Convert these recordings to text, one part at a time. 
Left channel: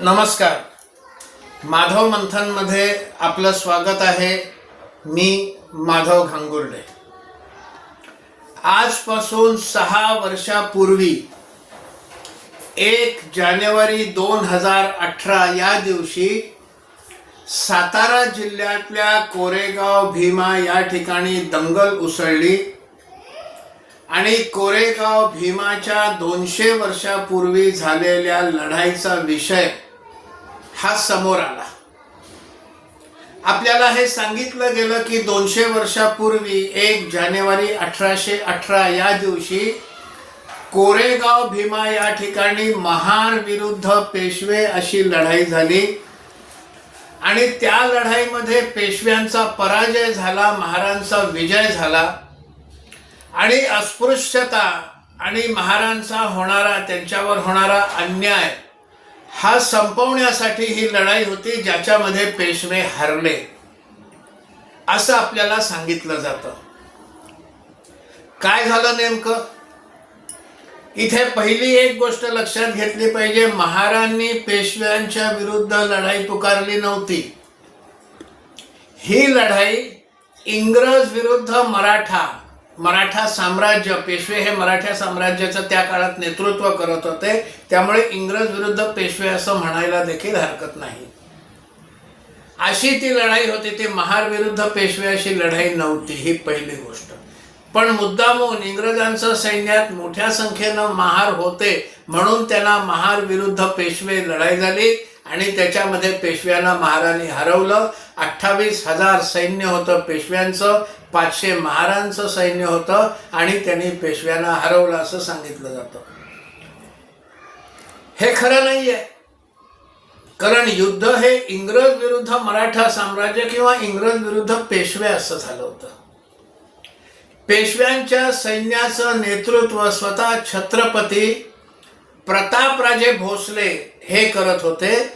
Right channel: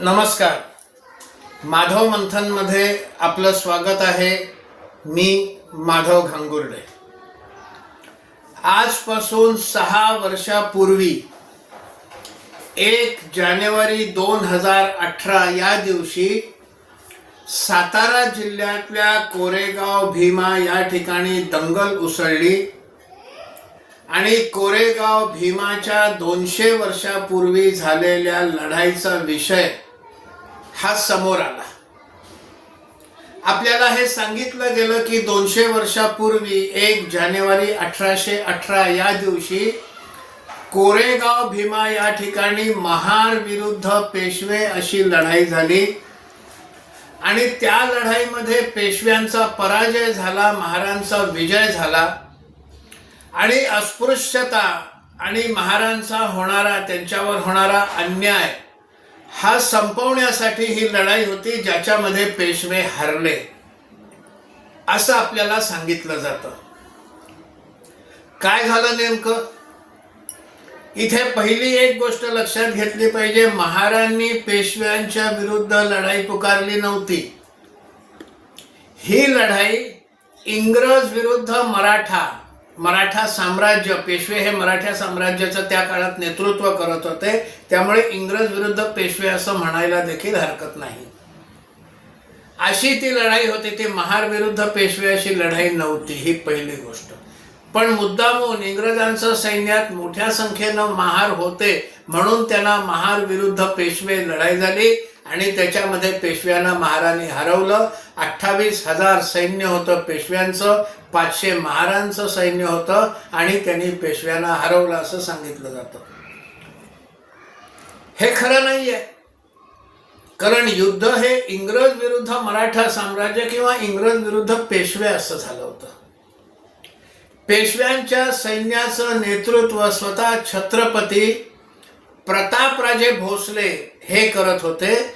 नमस्कार. माधव मंथनमध्ये आपलं स्वागत आहे. मी माधव घांगुर्डे. आजपासून सहा वर्षापूर्वी एक जानेवारी दोन हजार अठरा या दिवशी सातारा जिल्ह्यातल्या कोरेगाव भीमा या ठिकाणी दंगल उसळली आणि कोरेगाव भीमाच्या दोनशे वर्षापूर्वी झालेल्या लढाईचा विषय हा समोर आला. आपल्याला हे सांगितलं गेलं की दोनशे वर्षापूर्वी एक जानेवारी अठराशे अठरा या दिवशी कोरेगाव भीमा या ठिकाणी महार विरुद्ध पेशवे अशी लढाई झाली. आणि त्या लढाईमध्ये पेशव्यांचा पराजय झाला महारांचा विजय झाला. आणि अस्पृश्यता आणि महारांचा होणारा त्यांच्यावर होणारा अन्याय हा संपवण्यासाठी ही लढाई होती ज्याच्यामध्ये पेशवे हरले. असं आपल्याला सांगितलं जातं. काय झालं नेमकं? इथे पहिली एक गोष्ट लक्षात घेतली पाहिजे. महारांनी पेशव्यांच्या विरुद्ध लढाई पुकारली नव्हती. ही लढाई इंग्रज विरुद्ध मराठा मराठा साम्राज्य पेशवे हे मराठा साम्राज्याचं त्या काळात नेतृत्व करत होते. त्यामुळे इंग्रज विरुद्ध पेशवे असं म्हणायला देखील हरकत नाही. अशी ती लढाई होती ती महार विरुद्ध पेशवे अशी लढाई नव्हती ही पहिली गोष्ट. पण मुद्दामून इंग्रजांचं सैन्यात मोठ्या संख्येनं महार होते म्हणून त्यांना महार विरुद्ध पेशवे लढाई झाली आणि त्याच्यामध्ये पेशव्यांना महाराणी हरवलं. अठ्ठावीस हजार सैन्य होतं पेशव्यांचं पाचशे महारांचं सैन्य होतं आणि त्यांनी पेशव्यांना हरवलं असं सांगितलं जातं. हे खरं नाहीये. कारण युद्ध हे इंग्रज विरुद्ध मराठा साम्राज्य किंवा इंग्रज विरुद्ध पेशवे असं झालं होतं. पेशव्यांच्या सैन्याचं नेतृत्व स्वतः छत्रपती प्रतापराजे भोसले हे करत होते.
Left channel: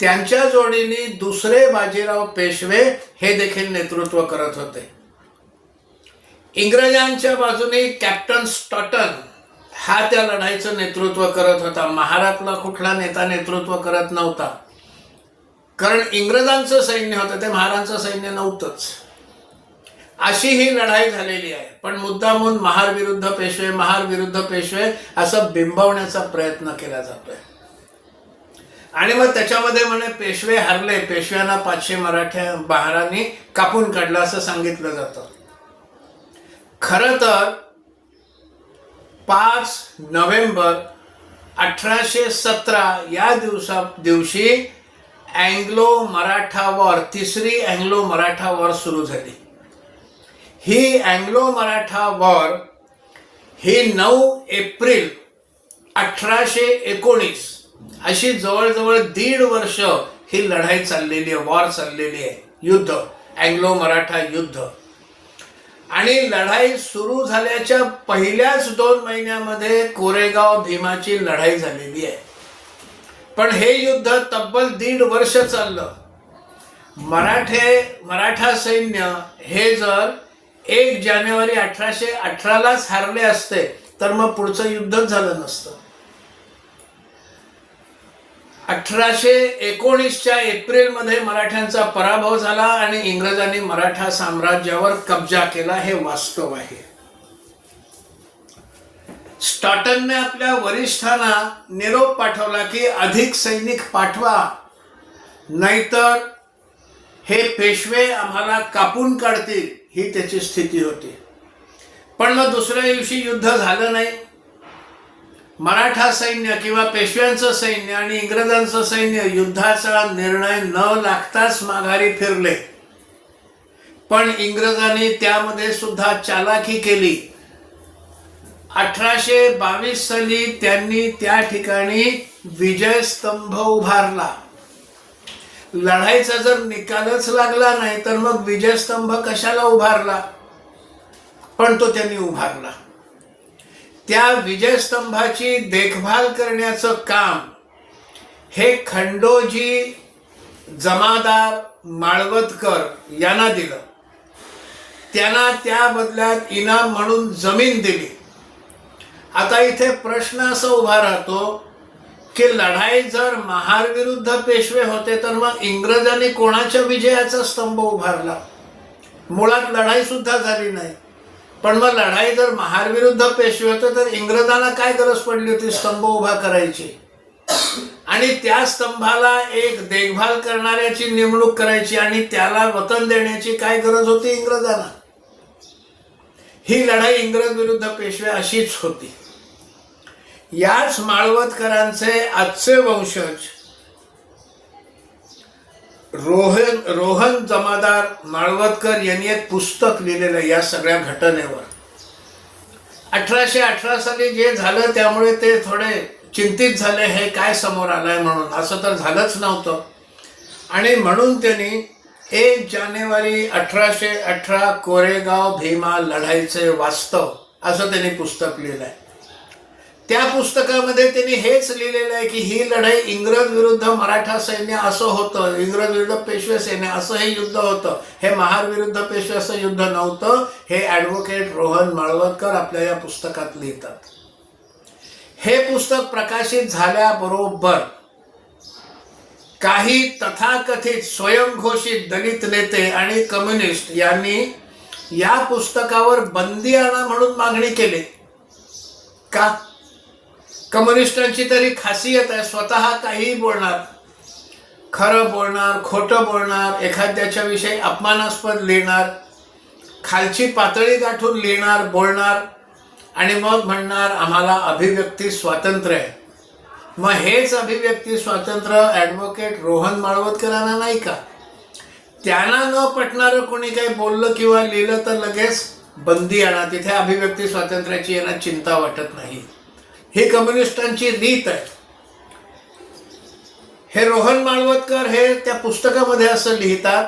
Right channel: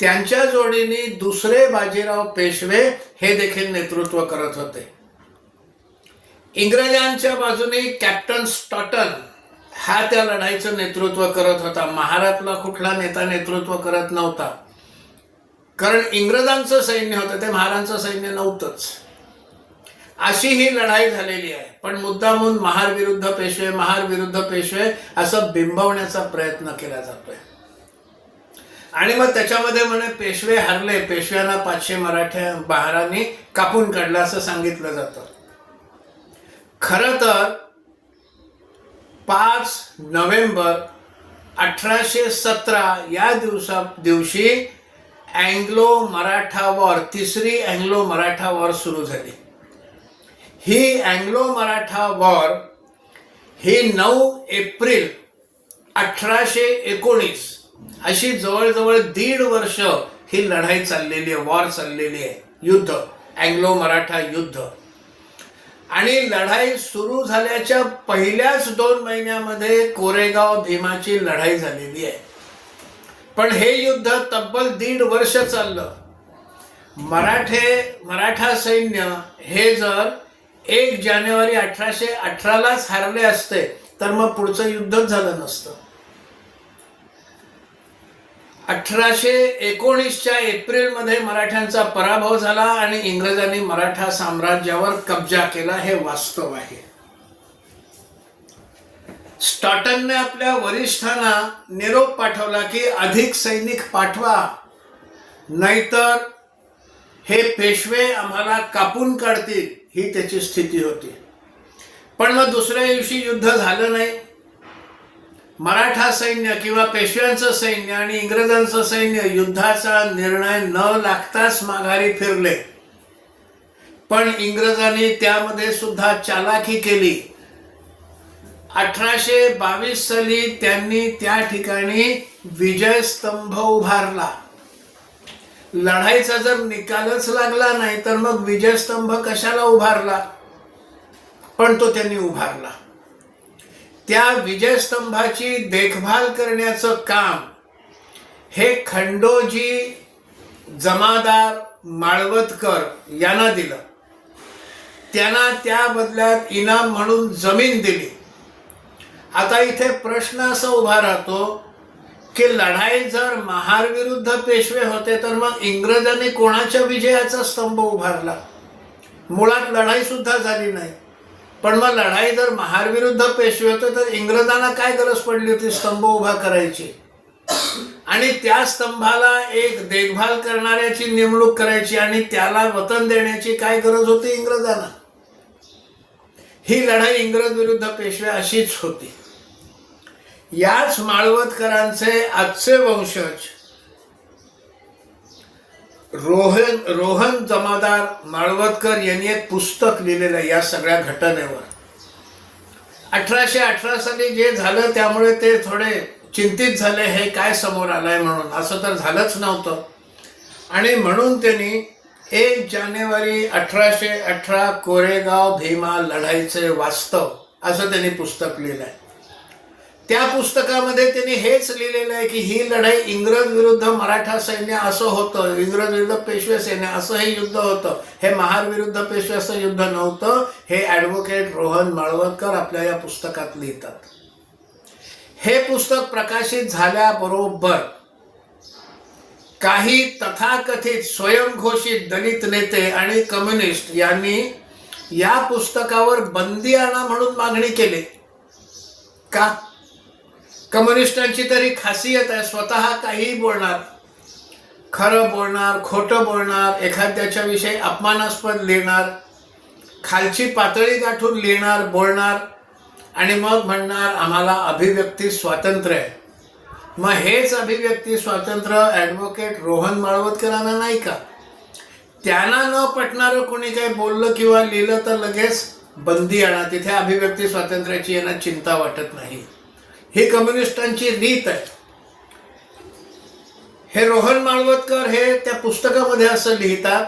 त्यांच्या जोडीने दुसरे बाजीराव पेशवे हे देखील नेतृत्व करत होते. इंग्रजांच्या बाजूने कॅप्टन स्टॉटन हा त्या लढाईचं नेतृत्व करत होता. महारातला कुठला नेता नेतृत्व करत नव्हता. कारण इंग्रजांचं सैन्य होतं ते महारांचं सैन्य नव्हतंच. अशी ही लढाई झालेली आहे. पण मुद्दामून महार विरुद्ध पेशवे महार विरुद्ध पेशवे असं बिंबवण्याचा प्रयत्न केला जातोय. आणि मग त्याच्यामध्ये म्हणे पेशवे हरले. पेशव्यांना पाचशे मराठ्या बहारांनी कापून काढलं असं सांगितलं जातं. खरं तर पाच नोव्हेंबर अठराशे सतरा या दिवसा दिवशी अँग्लो मराठा वॉर तिसरी अँग्लो मराठा वॉर सुरू झाली. ही अँग्लो मराठा वॉर ही नऊ एप्रिल अठराशे एकोणीस अशी जवळजवळ दीड वर्ष ही लढाई चाललेली आहे वॉर चाललेली आहे. युद्ध अँग्लो मराठा युद्ध. आणि लढाई सुरू झाल्याच्या पहिल्याच दोन महिन्यामध्ये कोरेगाव भीमाची लढाई झालेली आहे. पण हे युद्ध तब्बल दीड वर्ष चाललं. मराठे मराठा सैन्य हे जर एक जानेवारी अठराशे अठरालाच हारले असते तर मग पुढचं युद्धच झालं नसतं. अठराशे एकोणीसच्या एप्रिलमध्ये मराठ्यांचा पराभव झाला आणि इंग्रजांनी मराठा साम्राज्यावर कब्जा केला हे वास्तव आहे. स्टॉटनने आपल्या वरिष्ठांना निरोप पाठवला की अधिक सैनिक पाठवा नाहीतर हे पेशवे आम्हाला कापून काढतील ही त्याची स्थिती होती. पण मग दुसऱ्या दिवशी युद्ध झालं नाही. मराठा सैन्य किंवा पेशव्यांचं सैन्य आणि इंग्रजांचं सैन्य युद्धाचा निर्णय न लागताच माघारी फिरले. पण इंग्रजांनी त्यामध्ये सुद्धा चालाकी केली. अठराशे बावीस साली त्यांनी त्या ठिकाणी विजय स्तंभ उभारला. लढाईचा जर निकालच लागला नाही तर मग विजयस्तंभ कशाला उभारला? पण तो त्यांनी उभारला. त्या विजयस्तंभाची देखभाल करण्याचं काम हे खंडोजी जमादार माळवतकर यांना दिलं. त्यांना त्या बदल्यात इनाम म्हणून जमीन दिली. आता इथे प्रश्न असा उभा राहतो की लढाई जर महार विरुद्ध पेशवे होते तर मग इंग्रजांनी कोणाच्या विजयाचा स्तंभ उभारला? मुळात लढाई सुद्धा झाली नाही. पण मग लढाई जर महार विरुद्ध पेशवे होते तर इंग्रजांना काय गरज पडली होती? स्तंभ उभा करायची. आणि त्या स्तंभाला एक देखभाल करणाऱ्याची नेमणूक करायची आणि त्याला वतन देण्याची काय गरज होती इंग्रजांना? ही लढाई इंग्रज विरुद्ध पेशवे अशीच होती. याच माळवतकरांचे आजचे वंशज रोहन रोहन जमादार यांनी एक पुस्तक लिहिलेलं आहे या सगळ्या घटनेवर. अठराशे अठरा साली जे झालं त्यामुळे ते थोडे चिंतित झाले हे काय समोर आलंय म्हणून. असं तर झालंच नव्हतं. आणि म्हणून त्यांनी एक जानेवारी अठराशे अठरा कोरेगाव भीमा लढाईचे वास्तव असं त्यांनी पुस्तक लिहिलं आहे त्या पुस्तकामध्ये त्यांनी हेच लिहिलेलं आहे की ही लढाई इंग्रज विरुद्ध मराठा सैन्य असं होतं इंग्रज विरुद्ध पेशवे सैन्य असं हे युद्ध होतं. हे महार विरुद्ध पेशवे असं युद्ध नव्हतं हे ॲडव्होकेट रोहन माळवतकर आपल्या या पुस्तकात लिहितात. हे पुस्तक प्रकाशित झाल्याबरोबर काही तथाकथित स्वयंघोषित दलित नेते आणि कम्युनिस्ट यांनी या पुस्तकावर बंदी आणा म्हणून मागणी केली. का? कम्युनिस्टांची तरी खासियत आहे स्वतः काहीही बोलणार खरं बोलणार खोटं बोलणार एखाद्याच्या विषयी अपमानास्पद लिहिणार खालची पातळी गाठून लिहिणार बोलणार आणि मग म्हणणार आम्हाला अभिव्यक्ती स्वातंत्र्य आहे. मग हेच अभिव्यक्ती स्वातंत्र्य ॲडव्होकेट रोहन माळवतकरांना नाही का? त्यांना न पटणारं कोणी काही बोललं किंवा लिहिलं तर लगेच बंदी आणा. तिथे अभिव्यक्ती स्वातंत्र्याची यांना चिंता वाटत नाही. ही कम्युनिस्टांची रीत आहे. हे रोहन माळवतकर हे त्या पुस्तकामध्ये असं लिहितात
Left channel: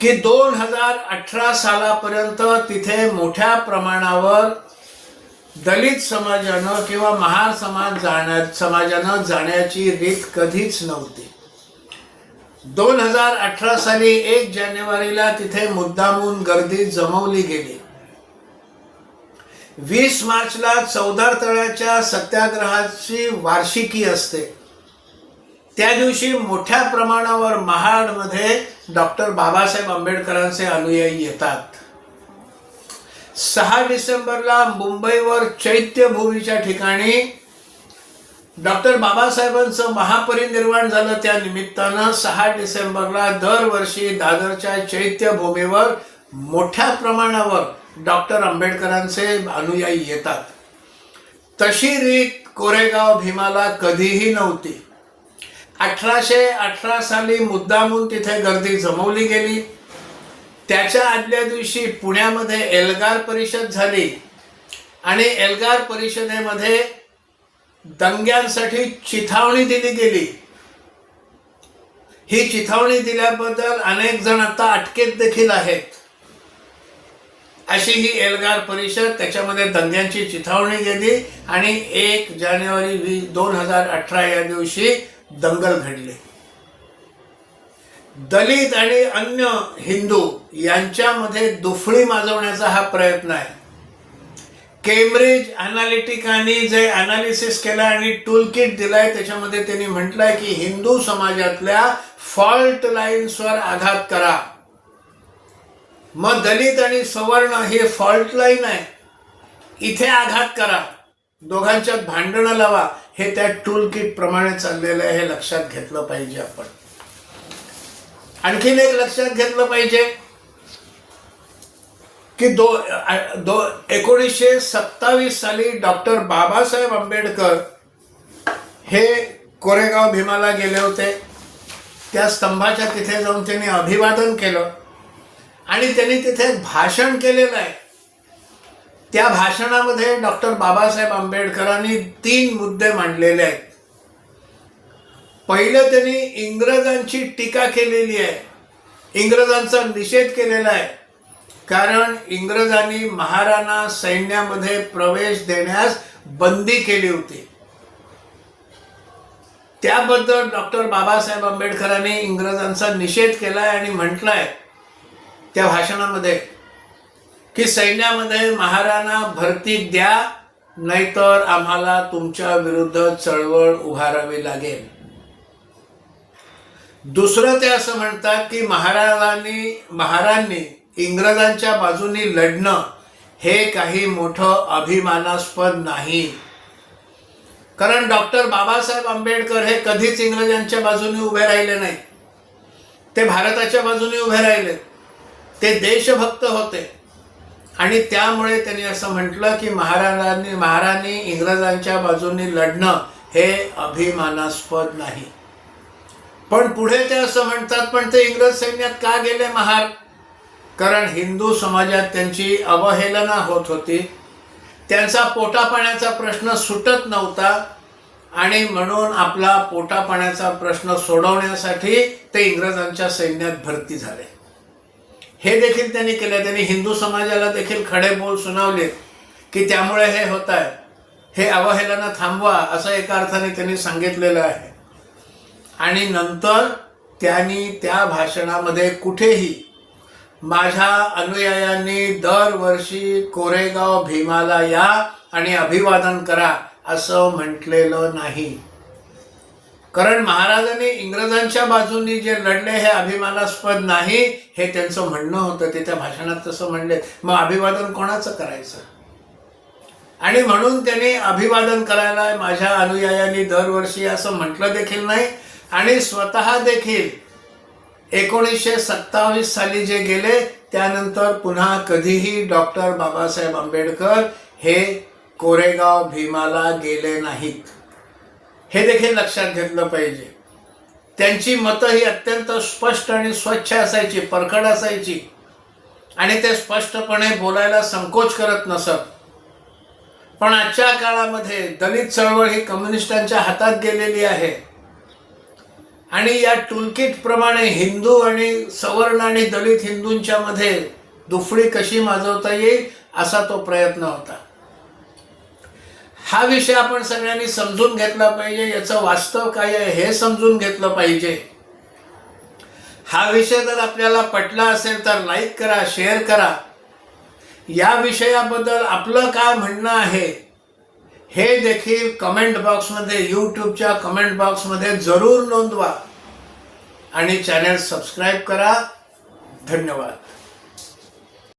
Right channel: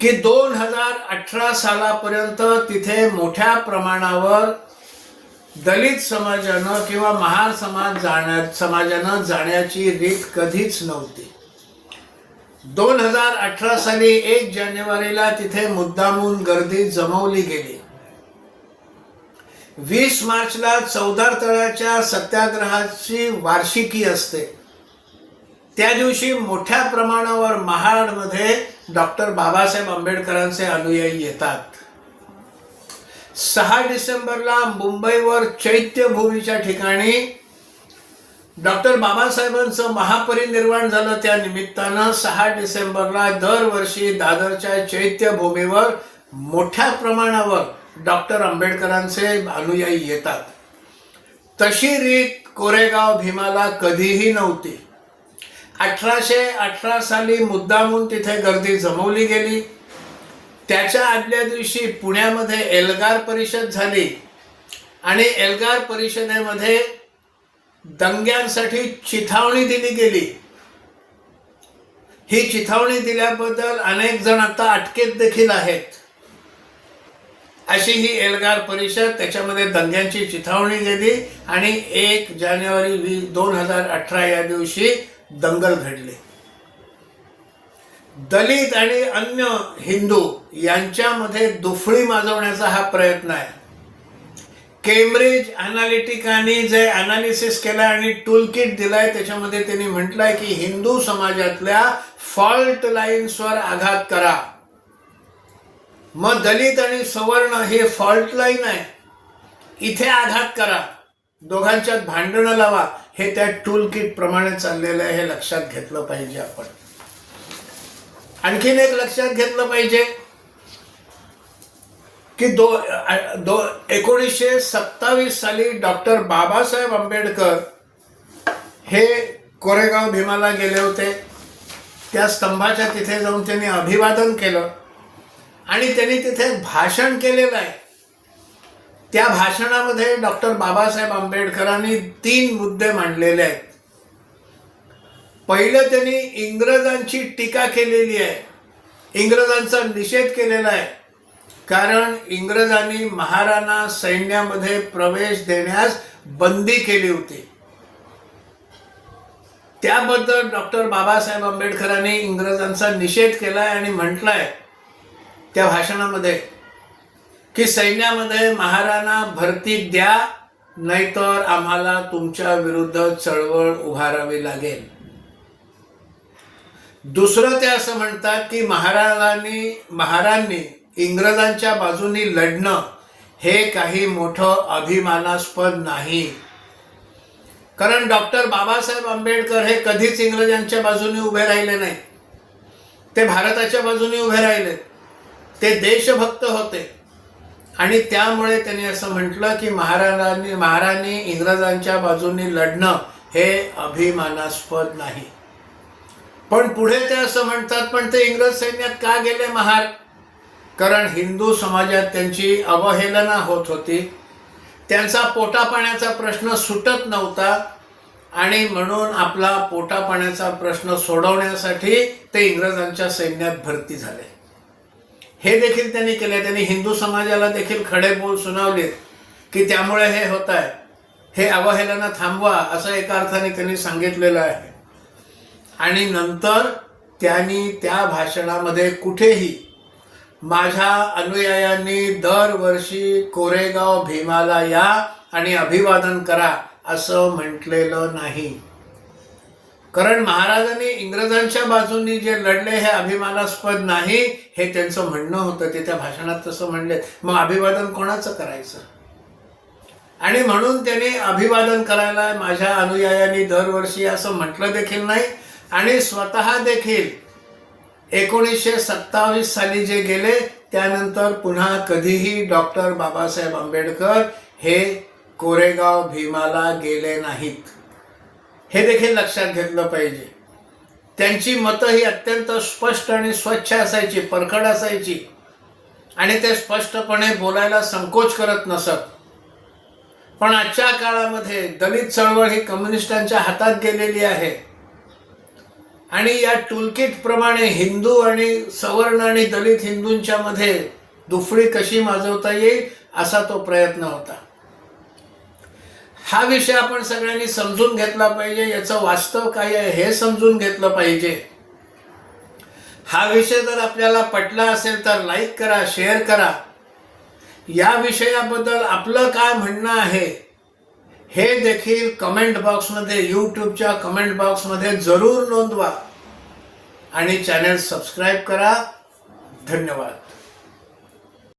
की दोन हजार अठरा सालापर्यंत तिथे मोठ्या प्रमाणावर दलित समाजानं किंवा महार समाज जाण्या समाजानं जाण्याची रीत कधीच नव्हती. दोन हजार अठरा साली एक जानेवारीला तिथे मुद्दामून गर्दी जमवली गेली. वीस मार्चला चौदार तळ्याच्या सत्याग्रहाची वार्षिकी असते. त्या दिवशी मोठ्या प्रमाणावर महाडमध्ये डॉक्टर बाबासाहेब आंबेडकरांचे अनुयायी येतात. सहा डिसेंबरला मुंबईवर चैत्यभूमीच्या ठिकाणी डॉक्टर बाबासाहेबांचं महापरिनिर्वाण झालं. त्या निमित्तानं सहा डिसेंबरला दरवर्षी दादरच्या चैत्यभूमीवर मोठ्या प्रमाणावर डॉक्टर आंबेडकरांचे अनुयायी येतात. तशी रीत कोरेगाव भीमाला कधीही नव्हती. अठराशे अठरा साली मुद्दामून तिथे गर्दी जमवली गेली. त्याच्या आदल्या दिवशी पुण्यामध्ये एल्गार परिषद झाली आणि एल्गार परिषदेमध्ये दंग्यांसाठी चिथावणी दिली गेली. ही चिथावणी दिल्याबद्दल अनेक जण आता अटकेत देखील आहेत. अशी ही एल्गार परिषद त्याच्यामध्ये दंग्यांची चिथावणी गेली आणि एक जानेवारी वी दोन हजार अठरा या दिवशी दंगल घडली. दलित आणि अन्य हिंदू यांच्यामध्ये दुफळी माजवण्याचा हा प्रयत्न आहे. केम्ब्रिज अनालिटिकानी जे अनालिसिस केलं आणि टूल किट दिलाय त्याच्यामध्ये त्यांनी म्हटलंय की हिंदू समाजातल्या फॉल्ट लाईन्सवर आघात करा. मग दलित आणि सवर्ण हे फॉल्ट लाईन आहे. इथे आघात करा. दोघांच्यात भांडणं लावा. हे त्या टूल किट प्रमाणे चाललेलं आहे हे लक्षात घेतलं पाहिजे आपण. आणखीन एक लक्षात घेतलं पाहिजे की दो दो एकोणीसशे सत्तावीस साली डॉक्टर बाबासाहेब आंबेडकर हे कोरेगाव भीमाला गेले होते. त्या स्तंभाच्या तिथे जाऊन त्यांनी अभिवादन केलं. आणि त्यांनी तिथे भाषण केलेलं आहे त्या भाषणामध्ये डॉक्टर बाबासाहेब आंबेडकरांनी तीन मुद्दे मांडलेले आहेत. पहिलं त्यांनी इंग्रजांची टीका केलेली आहे. इंग्रजांचा निषेध केलेला आहे. कारण इंग्रजांनी महाराणा सैन्यामध्ये प्रवेश देण्यास बंदी केली होती. त्याबद्दल डॉक्टर बाबासाहेब आंबेडकरांनी इंग्रजांचा निषेध केलाय आणि म्हटलाय त्या भाषणामध्ये की सैन्यामध्ये महाराणा भरती द्या नाहीतर आम्हाला तुमच्या विरुद्ध चळवळ उभारावी लागेल. दुसरं ते असं म्हणतात की महाराजांनी महाराजांनी इंग्रजांच्या बाजूनी लढणं हे काही मोठं अभिमानास्पद नाही. कारण डॉक्टर बाबासाहेब आंबेडकर हे कधीच इंग्रजांच्या बाजूने उभे राहिले नाही ते भारताच्या बाजूने उभे राहिले. ते देशभक्त होते. आणि त्यामुळे त्यांनी असं म्हटलं की महाराजांनी महाराणी इंग्रजांच्या बाजूंनी लढणं हे अभिमानास्पद नाही. पण पुढे ते असं म्हणतात पण ते इंग्रज सैन्यात का गेले महार? कारण हिंदू समाजात त्यांची अवहेलना होत होती. त्यांचा पोटापाण्याचा प्रश्न सुटत नव्हता आणि म्हणून आपला पोटापाण्याचा प्रश्न सोडवण्यासाठी ते इंग्रजांच्या सैन्यात भरती झाले. हे देखील त्यांनी केले त्यांनी हिंदू समाजाला देखील खडे बोल सुनावले की त्यामुळे हे होत आहे हे अवहेलना थांबवा असं एका अर्थाने त्यांनी सांगितलेलं आहे. आणि नंतर त्यांनी त्या भाषणामध्ये कुठेही माझ्या अनुयायांनी दरवर्षी कोरेगाव भीमाला या आणि अभिवादन करा असं म्हटलेलं नाही. कारण महाराजांनी इंग्रजांच्या बाजूनी जे लढले हे अभिमानास्पद नाही हे त्यांचं म्हणणं होतं ते त्या भाषणात तसं म्हणले. मग अभिवादन कोणाचं करायचं? आणि म्हणून त्यांनी अभिवादन करायला माझ्या अनुयायांनी दरवर्षी असं म्हटलं देखील नाही. आणि स्वतः देखील एकोणीसशे सत्तावीस साली जे गेले त्यानंतर पुन्हा कधीही डॉक्टर बाबासाहेब आंबेडकर हे कोरेगाव भीमाला गेले नाहीत. हे देखील लक्षात घेतलं पाहिजे. त्यांची मतं ही अत्यंत स्पष्ट आणि स्वच्छ असायची परखड असायची. आणि ते स्पष्टपणे बोलायला संकोच करत नसत. पण आजच्या काळामध्ये दलित चळवळ ही कम्युनिस्टांच्या हातात गेलेली आहे. आणि या टूलकिट प्रमाणे हिंदू आणि सवर्ण आणि दलित हिंदूंच्या मध्ये दुफळी कशी माजवता येईल असा तो प्रयत्न होता. हा विषय आपण सगळ्यांनी समजून घेतला पाहिजे याचं वास्तव काय आहे हे समजून घेतलं पाहिजे. हा विषय जर आपल्याला पटला असेल तर लाईक करा शेअर करा. या विषयाबद्दल आपलं काय म्हणणं आहे हे देखील कमेंट बॉक्समध्ये यूट्यूबच्या कमेंट बॉक्समध्ये जरूर नोंदवा. आणि चॅनल सबस्क्राईब करा. धन्यवाद.